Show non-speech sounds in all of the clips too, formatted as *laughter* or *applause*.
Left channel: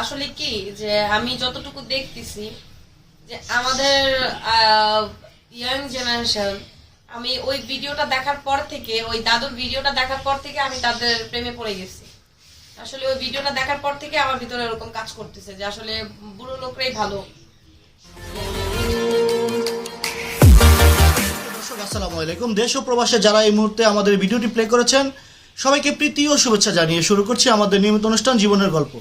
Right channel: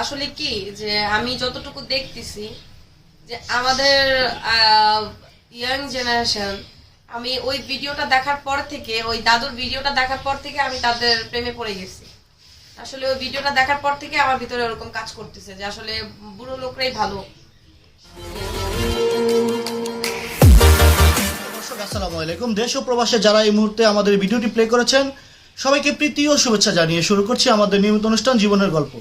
আসলে কি যে আমি যতটুকু দেখতেছি যে আমাদের ইয়াং জেনারেশন আমি ওই ভিডিওটা দেখার পর থেকে, ওই দাদুর ভিডিওটা দেখার পর থেকে আমি তাদের প্রেমে পড়ে গেছি। আসলে ওই ভিডিওটা দেখার পর থেকে আমার ভিতরে ওরকম কাজ করতেছে যে আসলে বুড়ো লোকরাই ভালো। আসসালামু আলাইকুম। দেশ ও প্রবাসে যারা এই মুহূর্তে আমাদের ভিডিওটি প্লে করেছেন, সবাইকে প্রীতি ও শুভেচ্ছা জানিয়ে শুরু করছি আমাদের নিয়মিত অনুষ্ঠান জীবনের গল্প।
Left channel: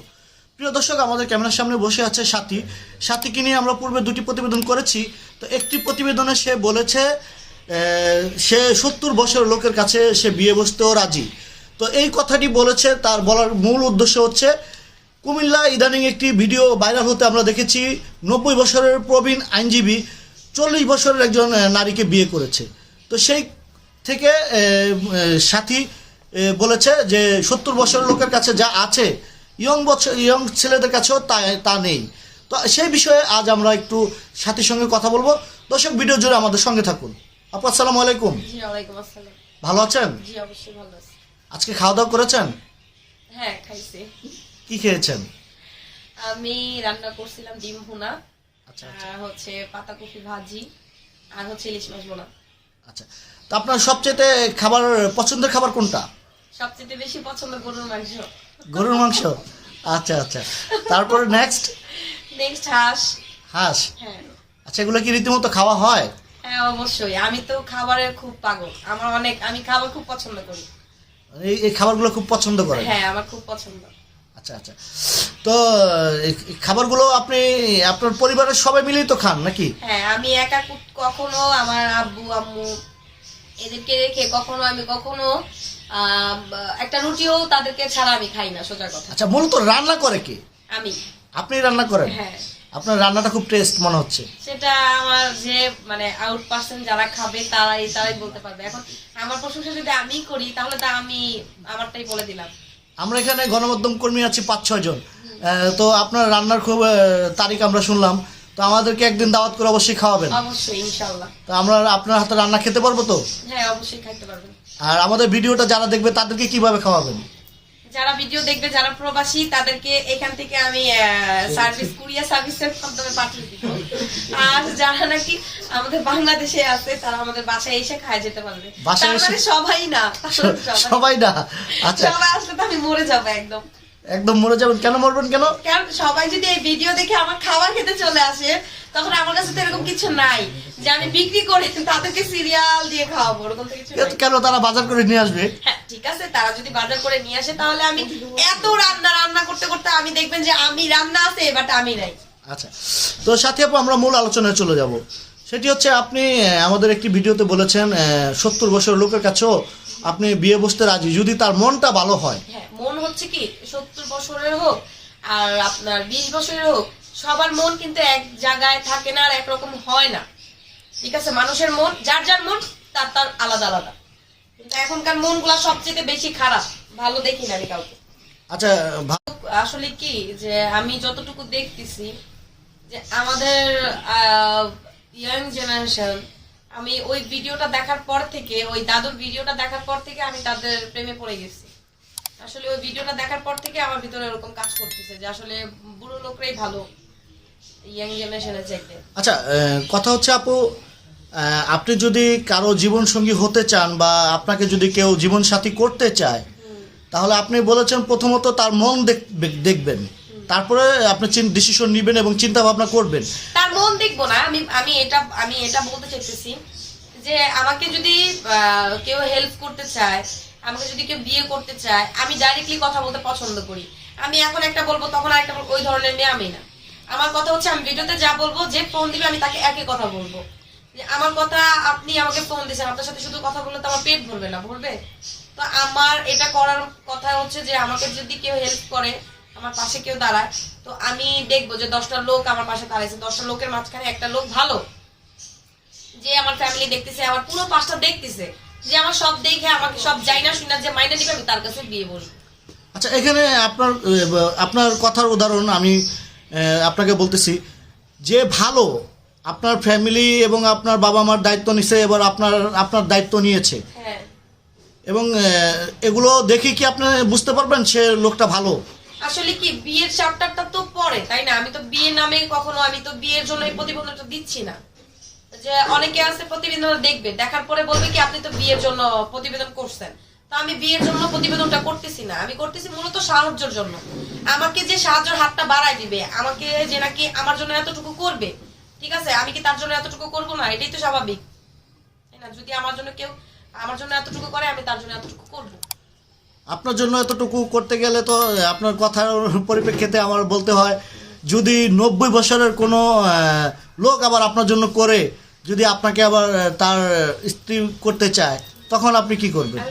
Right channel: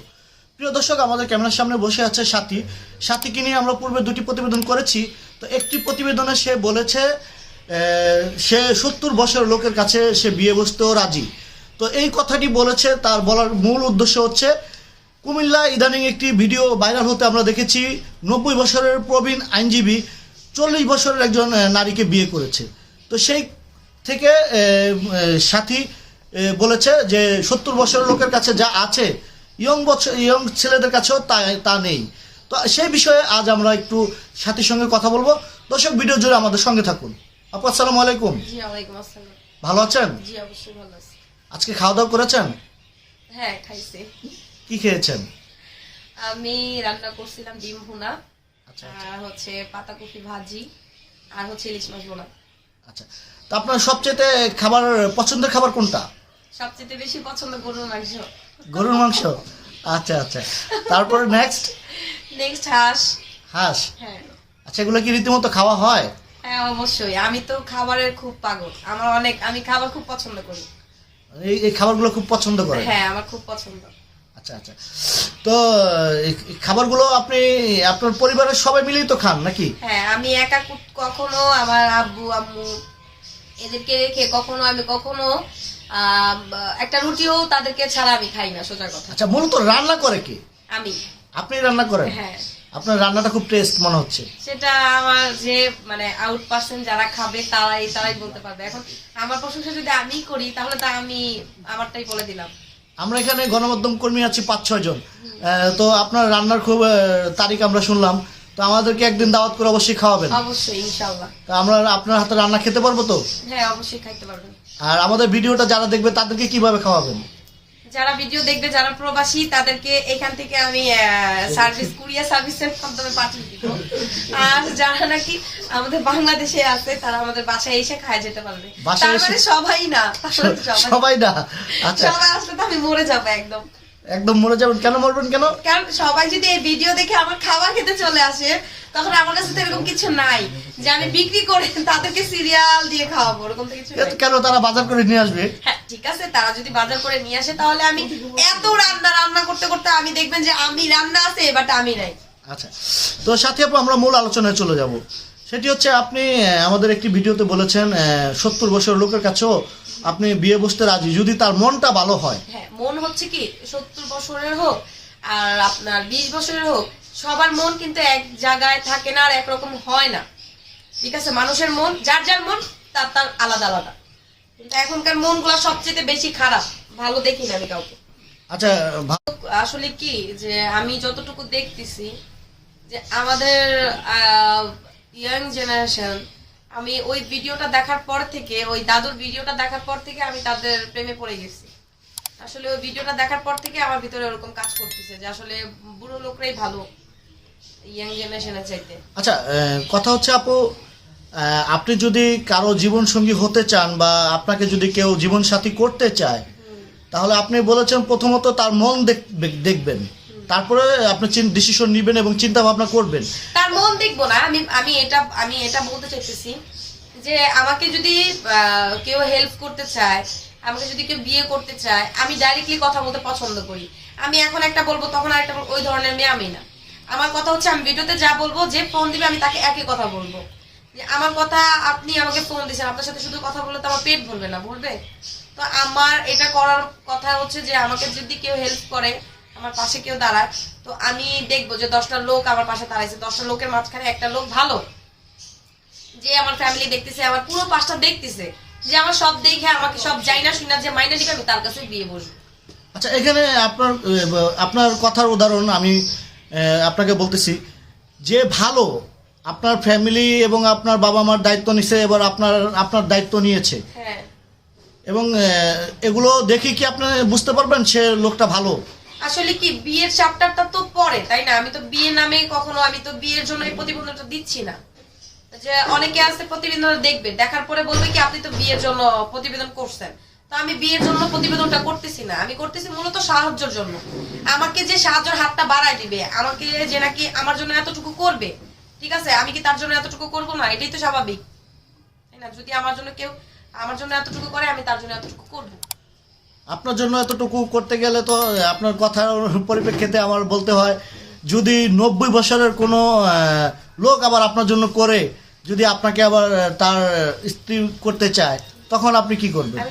প্রিয় দর্শক, আমাদের ক্যামেরার সামনে বসে আছে সাথী। সাথীকে নিয়ে আমরা পূর্বে দুটি প্রতিবেদন করেছি। তো একটি প্রতিবেদনে সে বলেছে সে সত্তর বছর লোকের কাছে সে বিয়ে বসতেও রাজি। তো এই কথাটি বলেছে, তার বলার মূল উদ্দেশ্য হচ্ছে, কুমিল্লা ইদানিং একটি ভিডিও ভাইরাল হতে আমরা দেখেছি, নব্বই বছরের প্রবীণ আইনজীবী চল্লিশ বছরের একজন নারীকে বিয়ে করেছে। তো সেই থেকে সাথী বলেছে যে সত্তর বছরের লোকের কাছে যা আছে ইয়ং বছর ইয়ং ছেলেদের কাছেও তা তা নেই। তো সেই বিষয়ে আজ আমরা একটু সাথীর সঙ্গে কথা বলব। দর্শক ভিডিও জুড়ে আমাদের সঙ্গে থাকুন। আপু আসসালামু আলাইকুম। ওয়ালাইকুম আসসালাম। ভালো আছেন? জি অবশ্যই আজকে খাওয়া দাওয়া করেছেন? হ্যাঁ খাইছি। কি খেয়েছেন? আমি রান্না করছিলাম ডিম ভুনা আচ্ছা আর হচ্ছে পাতাকপি ভাজি আর হচ্ছে ইলিশ মাছ বোনা আচ্ছা। তো আপনার সবচেয়ে খাবার পছন্দের খাবার কোনটা? সবচেয়ে বেশি পছন্দ গরুর মাংস। গরুর মাংস? আচ্ছা আচ্ছা। তারপরে নেক্সট নেক্সট হাঁস। হাঁস? হ্যাঁ। আচ্ছা এগুলো কি রীতিমতো খাওয়া হয়? হ্যাঁ অবশ্যই। আমি তো খাবারের খুব পাগল। আমার অনেক আমি খাবার খুব পছন্দ করি। এই এই খাবারগুলো খুব পছন্দ করেন হ্যাঁ আমার খুব পছন্দ। আচ্ছা আচ্ছা। তো এই খাবারগুলো আপনি আপনার পরিবারের সবাই মিলেই তো খান নাকি? হ্যাঁ আমি একা কখনো আমার আব্বু আম্মু এদেরকে রেখে কখনো আমি কখনো একটা রুটিও তাদেরকে ছাড়া আমি খাই না সোজা কথা। আচ্ছা মূলত রান্না করে কি? আমি। আপনি রান্না করেন? হ্যাঁ। আপনার রান্নাটা খুব টেস্ট মনে হচ্ছে। সেটা আমার যে মানে আউট পার্সেন্ট যারা খাবে তারাই তারাই বলতে পারবে। এখন আমার প্রশংসা যদি আমি করি তাহলে তা আমি আমারটাই বলে দিলাম। আমরা এখানে গণমাধ্যম কর্মী আছি পাঁচ ছয় জন। তো আপনার রান্নার খুব তারিখ আমরা শুনলাম। তো আমাদেরকে একদিন দাওয়াত করে অবশ্যই খাওয়াবেন। অবশ্যই ইনশাল্লাহ তো আমরা আপনার হাতে রান্না খেতে পারব তো? হ্যাঁ অবশ্যই খাইতে পারবেন। আর আমাদের ভিডিওটা যারা দেখবে তাদেরকে কীভাবে খাওয়াবেন? যারা ভিডিও দেখবে যারা প্রবাসী তাদেরকে এখান থেকে আমি সার্ভিস কুরিয়ার সার্ভিসের মাধ্যমে পাঠিয়ে দিব। আর যারা নাকি আমাদের বাংলাদেশে আছে তারা আমাদের বাসায় এসে খায় যেতে পারবে। বাসায় তার মানে সবাই না মানে *laughs* সবাই। সবাই না? আচ্ছা। সবাই আসলে তো আমি মরে যাব একদম। একদম মরে যাবেন। কেন মরবেন কেন? কারণ সবাই যদি এই ভিডিও দেখে আমার খাবার খেতে চলে আসে তখন আমার কাছে তো এরকম কিছু নাই যে আমি বিক্রি করে তাদেরকে সিরিয়াল দিয়ে খাওয়াবো ওরকম তো কিছু নাই। কেন তারা বাজার করে নিয়ে আসবে? হ্যাঁ ঠিক আছে তারা যদি বাজার করে নিয়ে আসে তাহলে আমি এত রান্না রান্না করতে করতে আমি দেখবেন যে আমি রান্না আছে বাট আমি নাই। আচ্ছা তো সাথে আপু আমরা মূল আলোচনায় চলে যাব। সেটি হচ্ছে আপনি আমাদের একটি ভিডিওতে বলেছেন সত্তর বছর লোকের কাছেও আপনি বিয়ে বসতে রাজি? যদি তার মনটা ভালো হয়। হ্যাঁ মন হচ্ছে কি সত্তর বছরের হোক আর আপনার বিশ বছরের হোক সবার মন কিন্তু এক জায়গায় থাকে না আর একরকম হয় না। ঠিক আছে? মানুষের মন যার যার মন তার তার আলাদা আলাদা। কিন্তু এখনকার মনগুলা সবচেয়ে বেশি খারাপ। ভালো দেখি না আমি কাউকে। আচ্ছা আসলে কি যে আমি যতটুকু দেখতেছি যে আমাদের ইয়াং জেনারেশন আমি ওই ভিডিওটা দেখার পর থেকে ওই দাদুর ভিডিওটা দেখার পর থেকে আমি তাদের প্রেমে পড়ে গেছি। আসলে ওই ভিডিওটা দেখার পর থেকে আমার ভিতরে ওরকম কাজ করতেছে যে আসলে বুড়ো লোকরাই ভালো ইয়াং জেনারেশনের চাইতে। আচ্ছা কথা হচ্ছে আপু আপনি যদি কারও জীবন সঙ্গী হতে চান বা আপনাকে যদি কেউ জীবন সাথী করতে চায় তাহলে আপনি বলেছেন প্রথমত তার মন দেখ- দেখবেন। তারপরে আপনি ডিসিশন নেবেন এবং চিন্তা ভাবনা করবেন। তার মন দেখব না, আমি আমি এটা আমি এটা বলতে চাইতেছি যে আমাকে যদি কেউ হেল্প করতে চায়, আমাকে যদি কেউ বিয়ে করতে চায়, আমি ডাইরেক্টলি কথা বলতে পছন্দ করি। আমি এখন একটা বলব, তখন আরেকটা বলব, ওই ধরনের মেয়ে আমি না। আমার কথা হচ্ছে, আমি ভিডিওতে যা বলব, যে ফোন দিবে, আমি তাকে একই কথা বলব। যে আমার কথা আপনি আমাকে ফোন দিয়েছেন আপনার সাথে শুধু কথা বললে তো আমার পেট ভরবে না, ভরবে? তো আমার এটা করার কথা হচ্ছে যে আমাকে যদি কেউ হেল্প করে আমার পাশে কেউ দাঁড়ায় তো আমি দেখব যে দশটা লোক আমার পাশে দাঁড়াইছে। দশটা লোকের মাঝখানে একটা লোক ভালো। যে আমার ফ্যামিলি দেখতেছে আমার পুরো পাশটা দেখতেছে। যে আমার সব দেখে আমাকে সব যাই না শুনে যে মাইনে নিবে আমি তার কাছে বিয়ে বসবো। আচ্ছা এখানে আপনার আপনার কথার উদাহরণ আমি আপনাকে বলতেছি। যে ভালো আপনার ফ্যামিলি এবং আপনার বাবা মার দায়িত্ব নিছে এবার আপনার আপনার দায়িত্ব নিয়েছে। হ্যাঁ। এবং এগুলো দেখে কি আপনি বুঝতে পারবেন সে লোকটা ভালো? আসলে কি, বিয়ের চ্যাপ্টারটা তো পরে তাই না? আমি তো বিয়ের নামে কখনো, আমি তো বিয়ের জন্য এই দিচ্ছি না। যে অনেকে আছে প্রতিবেদনটা দেখবে, দেখার পরে বলবে কি, আপনি তো বিয়ের জন্য প্রতিবেদন করছেন। তো আমি বিয়ের জন্য প্রতিবেদনটা করতেছি না। আমি করতেছি মূলত সাহায্যের জন্য। আমাকে যে সাহায্যের হাতটা বাড়ায় দিবে, আমাকে যে নাকি আমার জন্য এতটুকু করবে, ঠিক আছে? আমি কি তার জন্য এতটুকু করব না? এটাই তো স্বাভাবিক। তাই না? যদি আমার জন্য কেউ, আমার জন্য এতটুকু করে, আমি তার জন্য এতটুকু করব। আপনার জন্য এতটুকু করতে গেলে তো আপনার কথার পরিপ্রেক্ষিতে আমার বলতে হয় যদি নব্বই বছরের কোনো লোক আবার আপনার জন্য করে যদি আপনাকে আবার তার স্ত্রী করতে চায় তখন আপনি কি করবেন?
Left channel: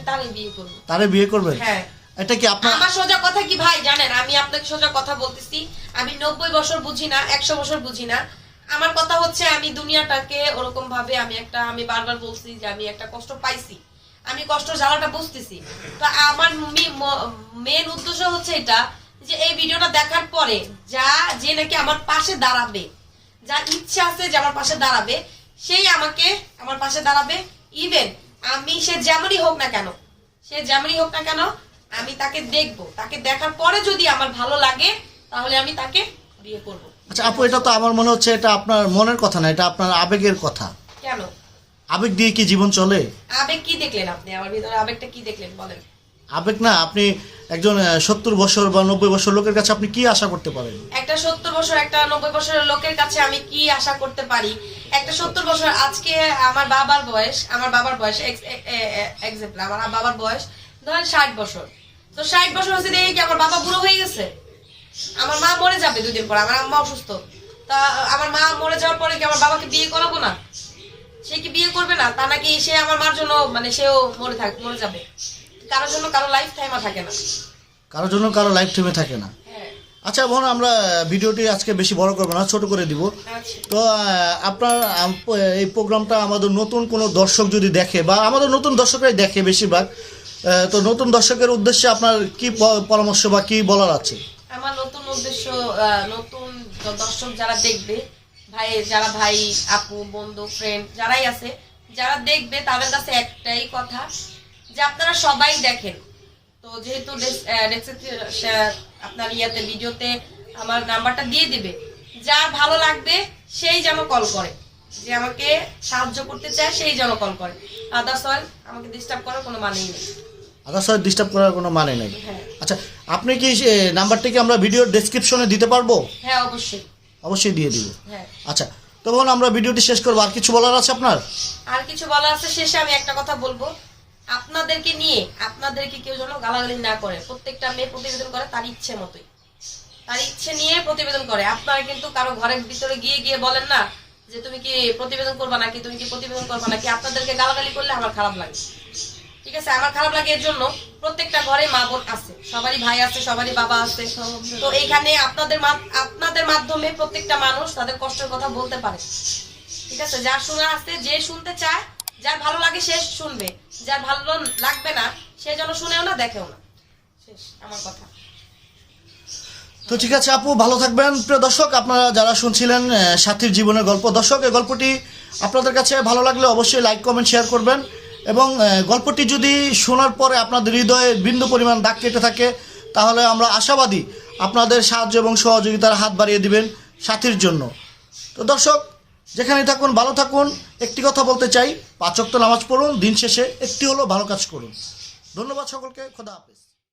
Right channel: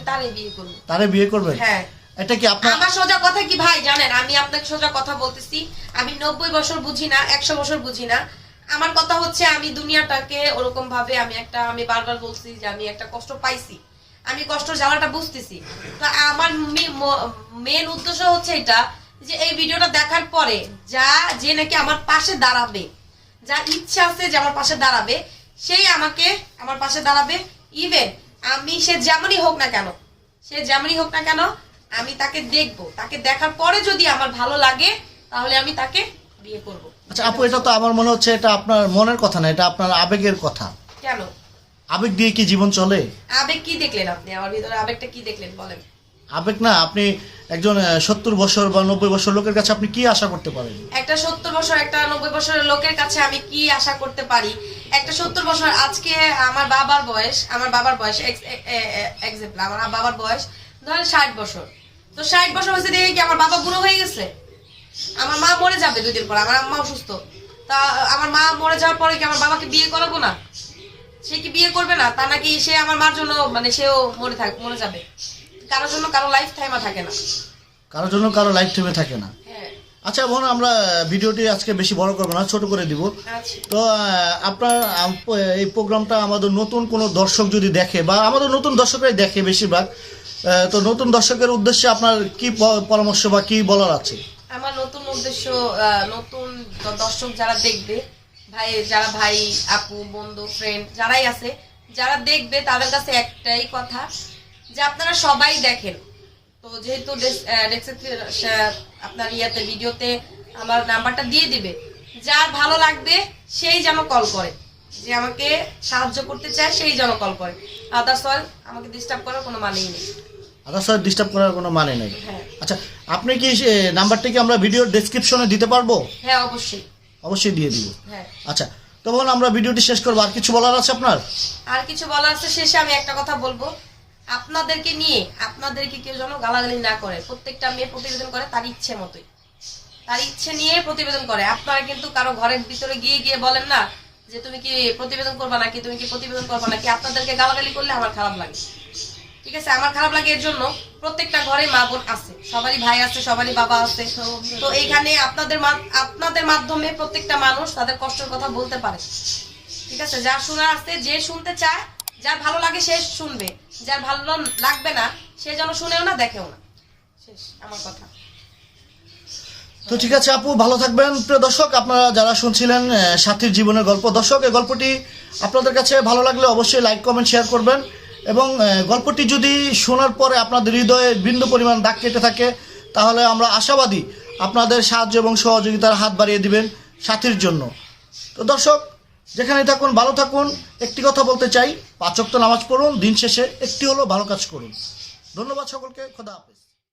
তারে বিয়ে করবেন? হ্যাঁ। এটা কি আপনার আমার সোজা কথা কি ভাই জানেন? আমি আপনাকে সোজা কথা বলতেছি। আমি নব্বই বছর বুঝি না একশো বছর বুঝি না। আমার কথা হচ্ছে আমি দুনিয়াটাকে ওরকম ভাবে আমি একটা আমি বারবার বলছি যে আমি একটা কষ্ট পাইছি। আমি কষ্ট জ্বালাটা বুঝতেছি। তো আমার মেন উদ্দেশ্য হচ্ছে এটা যে এই ভিডিওটা দেখার পরে যা যে নাকি আমার পাশে দাঁড়াবে যা ইচ্ছা আছে যে আমার পাশে দাঁড়াবে সেই আমাকে আমার পাশে দাঁড়াবে। ইভেন আমি সে যেমনই হোক না কেন সে যেমনই হোক না কেন আমি তাকে দেখব। তাকে দেখার পরে যদি আমার ভালো লাগে তাহলে আমি তাকে বিয়ে করব। আচ্ছা আপু এটা তো আমার মনে হচ্ছে এটা আপনার মনের কথা না এটা আপনার আবেগের কথা। কেন? আবেগ দিয়ে কি জীবন চলে? আবেগ কি দেখলেন আপনি? আমার ভিতরে আবেগটা কি দেখলেন বলেন। আবেগ না আপনি একজন সত্তর বছর বা নব্বই বছর লোকের কাছে আপনি কি আশা করতে পারেন? একটা সত্তর বছর একটা নব্বই বছরের লোকের কাছে আমি কি আশা করতে পারি? একটা সত্তর বছর আজকে আমার বাবার বয়স আমার বাবার বয়স এক্সাম্পল আমার বাবার বয়স ধরেন ষাট বছর। তো ষাট বছর হয়েছে দেখে কি আমার বাবা বুড়ো হয়ে গেছে? আমার মা মরে যাবে দুদিন পর আমার আম্মা অসুস্থ। তা আমার মা মরে যাওয়ার পরে কি আমার বাবাকে বিয়ে করাবো না? সে কি বিয়ে করবে না? তা নাকি সে আমার মার জন্য মানে সেও মরে থাক মরে যাবে। কারোর জন্য কারও লাইফ টাইমা থাকে না। কারোর জন্য কারও লাইফ টাইমে থাকে না। হ্যাঁ। আচ্ছা বোন আমরা ভিডিওটি আজকে বেশি বড় করব না ছোট করে দিব। আচ্ছা। তো আপনার এই প্রোগ্রামটা আমাদের নতুন কোনো দর্শক যদি দেখে বা আমাদের নতুন দর্শকরাই দেখে বেশিরভাগ তো নতুন দর্শকের উদ্দেশ্যে আপনার কি পরামর্শ বা কি বলার আছে? আমার নতুন উদ্দেশ্য নতুন দর্শক যারা দেখবে ভাই যারা ভাই আপু বন্ধু ফ্রেন্ড যারাই আছে যারা দেখবে তাদের কাছে একটাই কথা যে আপনারা সবাই দেখেন। তো যেহেতু আপনার ইয়াতে ভিডিওতে আমার নাম্বারটা দিয়ে দিবে। যার ভালো লাগবে সেই যেন কল করে। যে আমাকে সাহায্য করতে চায় সেই যেন কল করে। আদার্স আমাকে ডিস্টার্ব করার কোনো মানেই নেই। আদার সাথে ডিস্টার্ব করার কোনো মানে নেই। হ্যাঁ। আচ্ছা আপনি কি নাম্বারটি কি আমরা ভিডিওর ডেসক্রিপশনে দিতে পারব? হ্যাঁ অবশ্যই। অবশ্যই দিয়ে দিব। হ্যাঁ। আচ্ছা তো বোন আমরা ভিডিওটি শেষ করব। আর কিছু বলার আছে আপনার? আর কিছু বলার আছে শেষে আমি একটা কথা বলব। আপনাদেরকে নিয়ে আপনাদেরকে কেউ যেন গালাগালি না করে প্রত্যেকটা মেয়ে প্রতিবেদন করে তার ইচ্ছে মতোই। তার ইচ্ছে নিয়ে প্রতিবেদন করে। আপনারা কিন্তু কারও ঘরের ভিতরে গিয়ে গিয়ে বলেন না যে তুমি কি প্রতিবেদন করবা নাকি? তুমি কি প্রতিবেদন করবা নাকি? আপনাদেরকে গালাগালি করলে আমার খারাপ লাগে। ঠিক আছে, আমার খারাপ লাগে এর জন্য প্রত্যেকটা ঘরে মা বোন আছে। সবারই ভাই আছে, সবারই বাবা আছে। তো এইখানে আপনাদের আপনাদের মাধ্যমে প্রত্যেকটা মানুষ তাদের কষ্টের কথা বলতে পারে। ঠিক আছে, যার শোনা আছে, যে শুনতে চায়, যার ভালো লাগে সে শুনবে। যার ভালো লাগবে না, সে যেন শুনেও না, দেখেও না। শেষ, আমার কথা। তো ঠিক আছে আপু, ভালো থাকবেন। প্রিয় দর্শক, আপনারা যারা শুনছিলেন সাথীর জীবনের গল্প, দর্শক, এই গল্পটি আপনাদের কাছে ভালো লাগলে অবশ্যই লাইক কমেন্ট শেয়ার করবেন। এবং গল্পটি যদি শোনার পরে আপনাদের হৃদয়ে বিন্দু পরিমাণ দাগ কেটে থাকে, তাহলে আমরা আশাবাদী আপনাদের সাহায্য এবং সহযোগিতার হাত বাড়িয়ে দিবেন সাথীর জন্য। তো দর্শক যেখানে থাকুন, ভালো থাকুন। একটি কথা বলতে চাই পাঁচক্ত নামাজ পড়ুন, দিন শেষে একটি হলো ভালো কাজ করুন। ধন্যবাদ সকলকে, খোদা হাফেজ।